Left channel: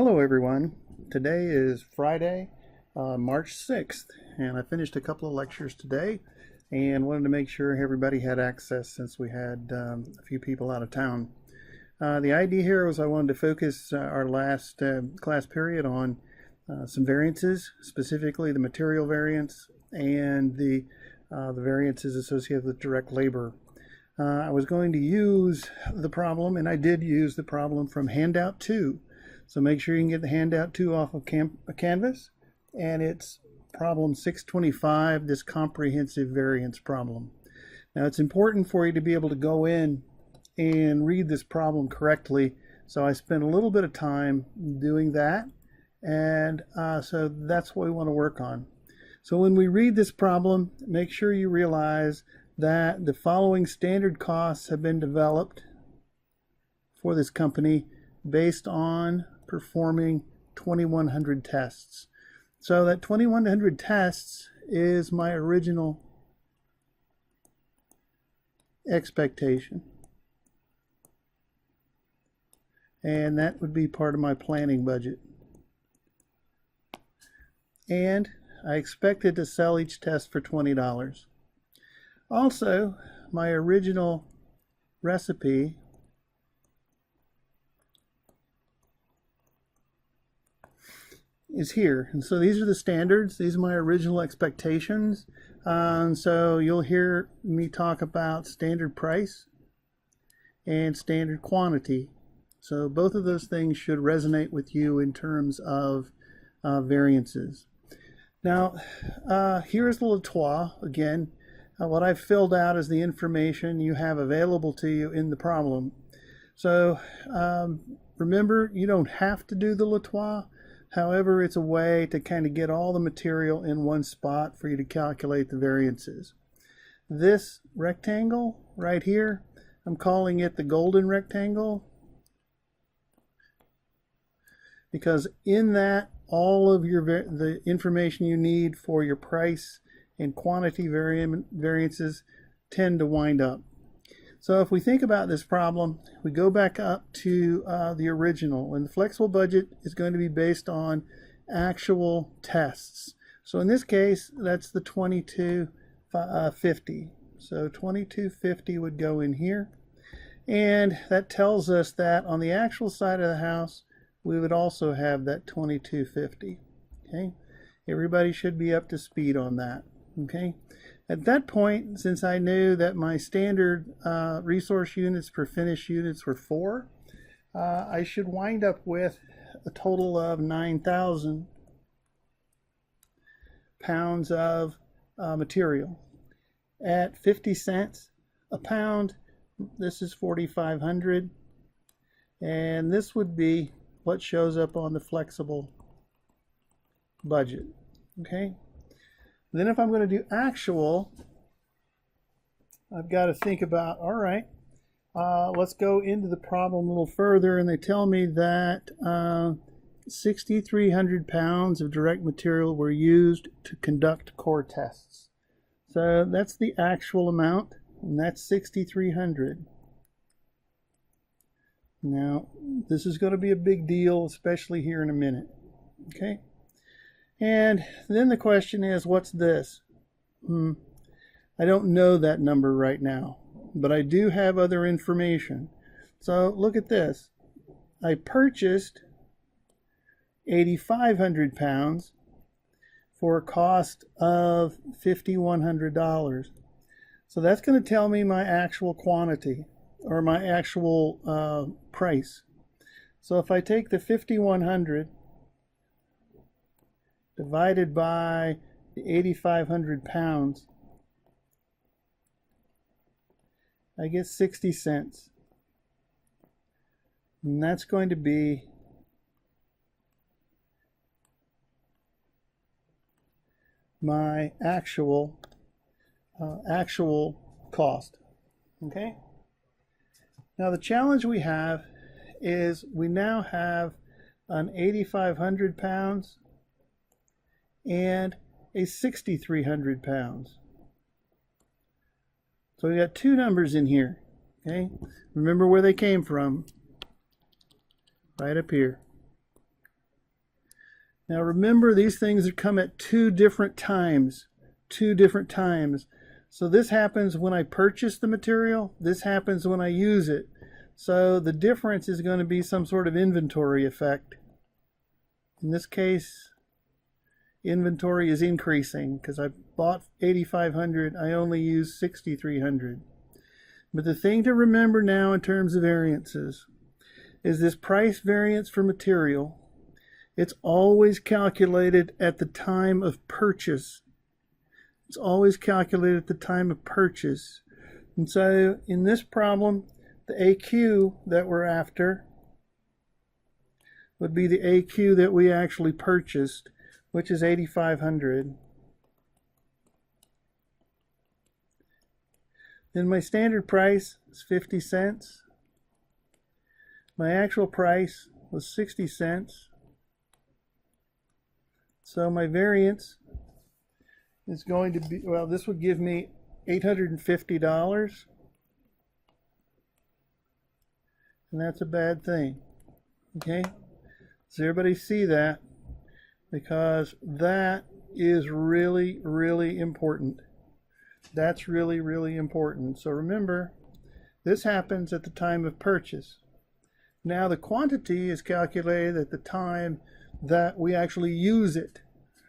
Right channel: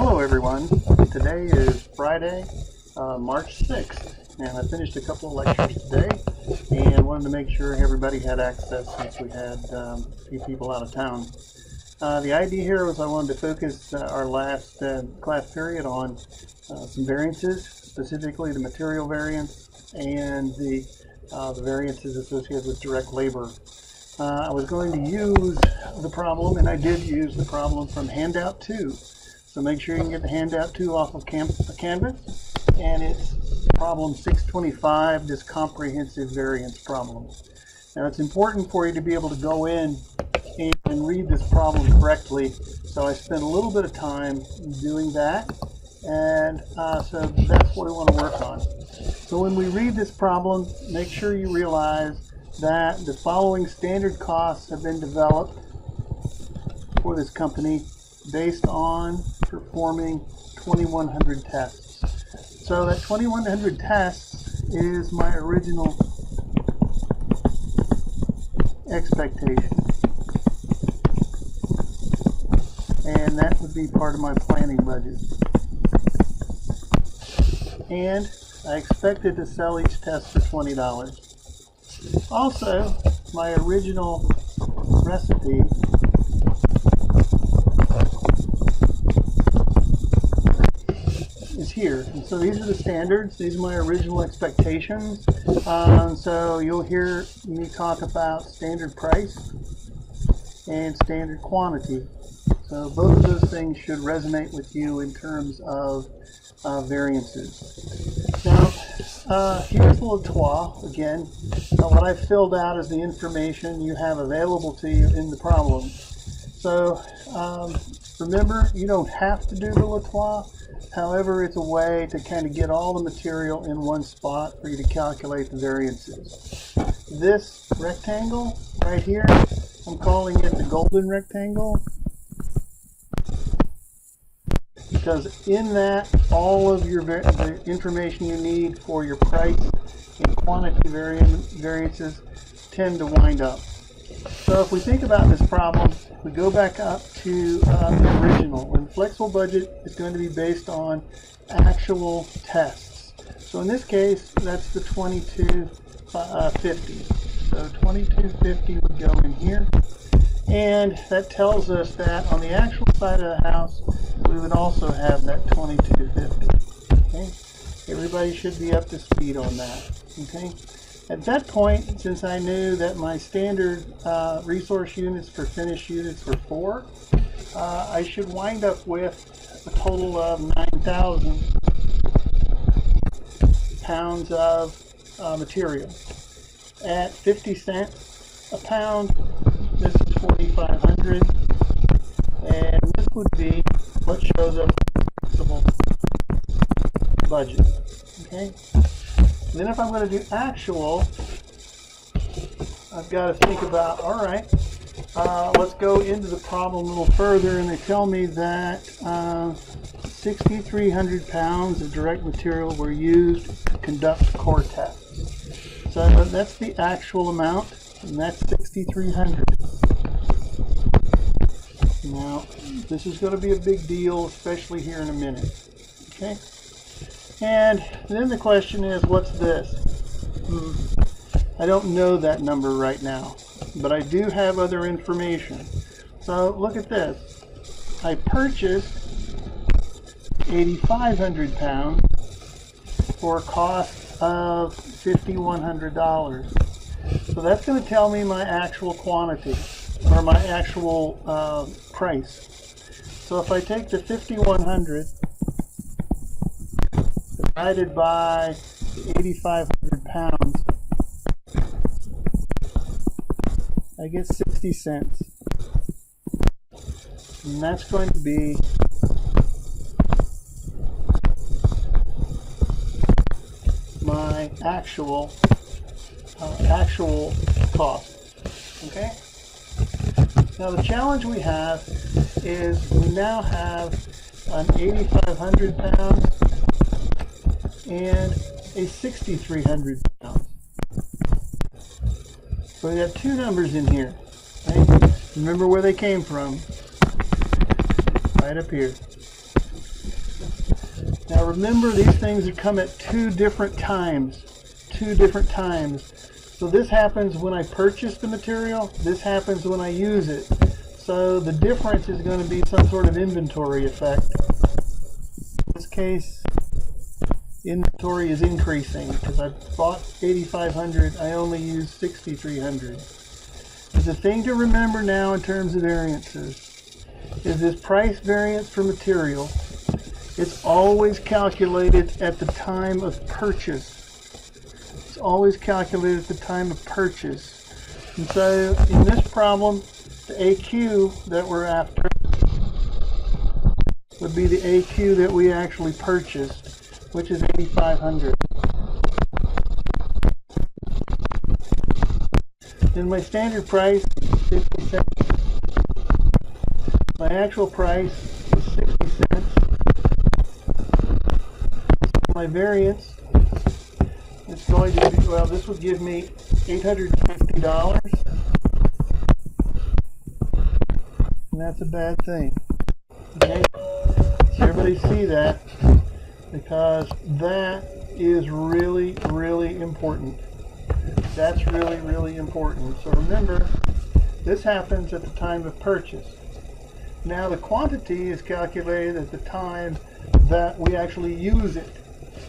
Hello everyone. Today is Friday, March 6th, and I finished a couple of lectures today and wanted to make sure everybody had access since we had a few people out of town. The idea here was I wanted to focus our last class period on some variances, specifically the material variance and the variances associated with direct labor. I was going to use the problem, and I did use the problem from Handout 2. So make sure you can get the Handout 2 off of Canvas, and it's problem 625, this comprehensive variance problem. Now it's important for you to be able to go in and read this problem correctly, so I spent a little bit of time doing that, and so that's what we want to work on. So when we read this problem, make sure you realize that the following standard costs have been developed for this company based on performing 2100 tests. So that 2100 tests is my original expectation, and that would be part of my planning budget. And I expected to sell each test for $20. Also, my original recipe is here, and so these are the standards. These are my original expectations. So you'll hear me talk about standard price and standard quantity. So both of those things should resonate with you in terms of variances. Now, here's the Latois again. What I've filled out is the information you have available to you in the problem. So remember, you don't have to do the Latois. However, it's a way to kind of get all the material in one spot for you to calculate the variances. This rectangle right here, I'm calling it the golden rectangle, because in that, all of the information you need for your price and quantity variances tend to wind up. So if we think about this problem, we go back up to the original, and the flexible budget is going to be based on actual tests. So in this case, that's the 2250. So 2250 would go in here, and that tells us that on the actual side of the house, we would also have that 2250. Okay, everybody should be up to speed on that. Okay. At that point, since I knew that my standard resource units per finished units were 4, I should wind up with a total of 9,000 pounds of material. At 50 cents a pound, this is 4,500, and this would be what shows up on the flexible budget. Okay. Then if I'm going to do actual, I've got to think about, all right, let's go into the problem a little further, and they tell me that 6,300 pounds of direct material were used to conduct core tests. So that's the actual amount, and that's 6,300. Now, this is going to be a big deal, especially here in a minute. Okay? And then the question is, what's this? I don't know that number right now, but I do have other information. So look at this. I purchased 8,500 pounds for a cost of $5,100. So that's going to tell me my actual quantity, or my actual price. So if I take the 5,100 divided by the 8,500 pounds, I get 60 cents. And that's going to be my actual cost. Okay? Now the challenge we have is we now have an 8,500 pounds and a 6,300 pounds. So we got two numbers in here. Okay? Remember where they came from. Right up here. Now remember, these things come at two different times. So this happens when I purchase the material, this happens when I use it. So the difference is going to be some sort of inventory effect. In this case, inventory is increasing because I bought 8,500, I only used 6,300. But the thing to remember now in terms of variances is this price variance for material. It's always calculated at the time of purchase. It's always calculated at the time of purchase. And so in this problem, the AQ that we're after would be the AQ that we actually purchased, which is 8,500. Then my standard price is 50 cents. My actual price is 60 cents. So my variance is going to be, well, this would give me $850. And that's a bad thing. Okay? So everybody see that, because that is really, really important. That's really, really important. So remember, this happens at the time of purchase. Now the quantity is calculated at the time that we actually use it.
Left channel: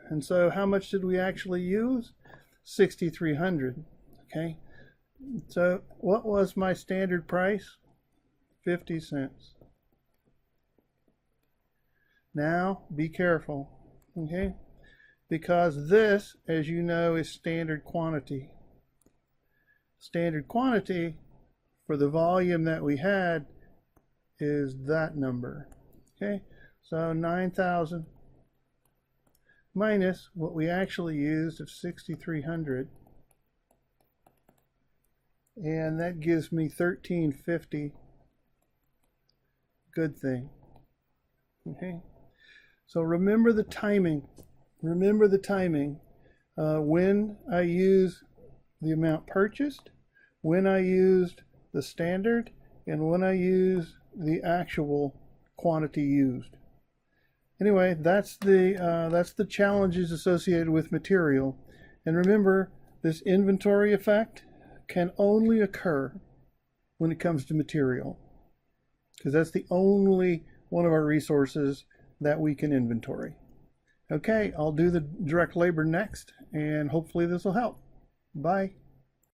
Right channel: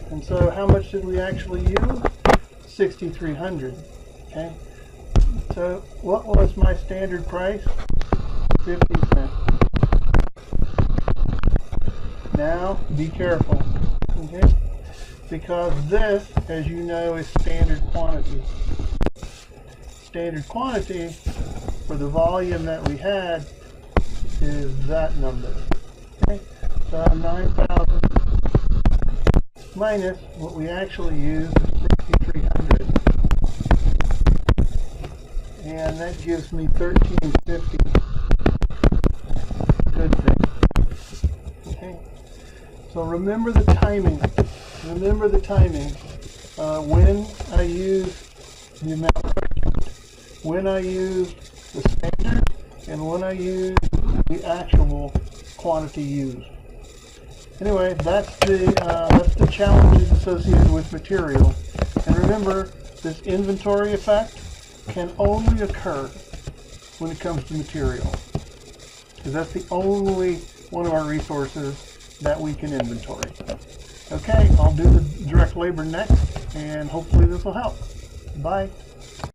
And so how much did we actually use? 6,300. Okay? So what was my standard price? 50 cents. Now be careful. Okay? Because this, as you know, is standard quantity. Standard quantity for the volume that we had is that number. Okay, so 9,000 minus what we actually used of 6,300, and that gives me 1,350. Good thing. Okay, so remember the timing. Remember the timing. When I use the amount purchased, when I use the standard, and when I use the actual quantity used. Anyway, that's the challenges associated with material. And remember, this inventory effect can only occur when it comes to material, because that's the only one of our resources that we can inventory. Okay, I'll do the direct labor next, and hopefully this will help. Bye.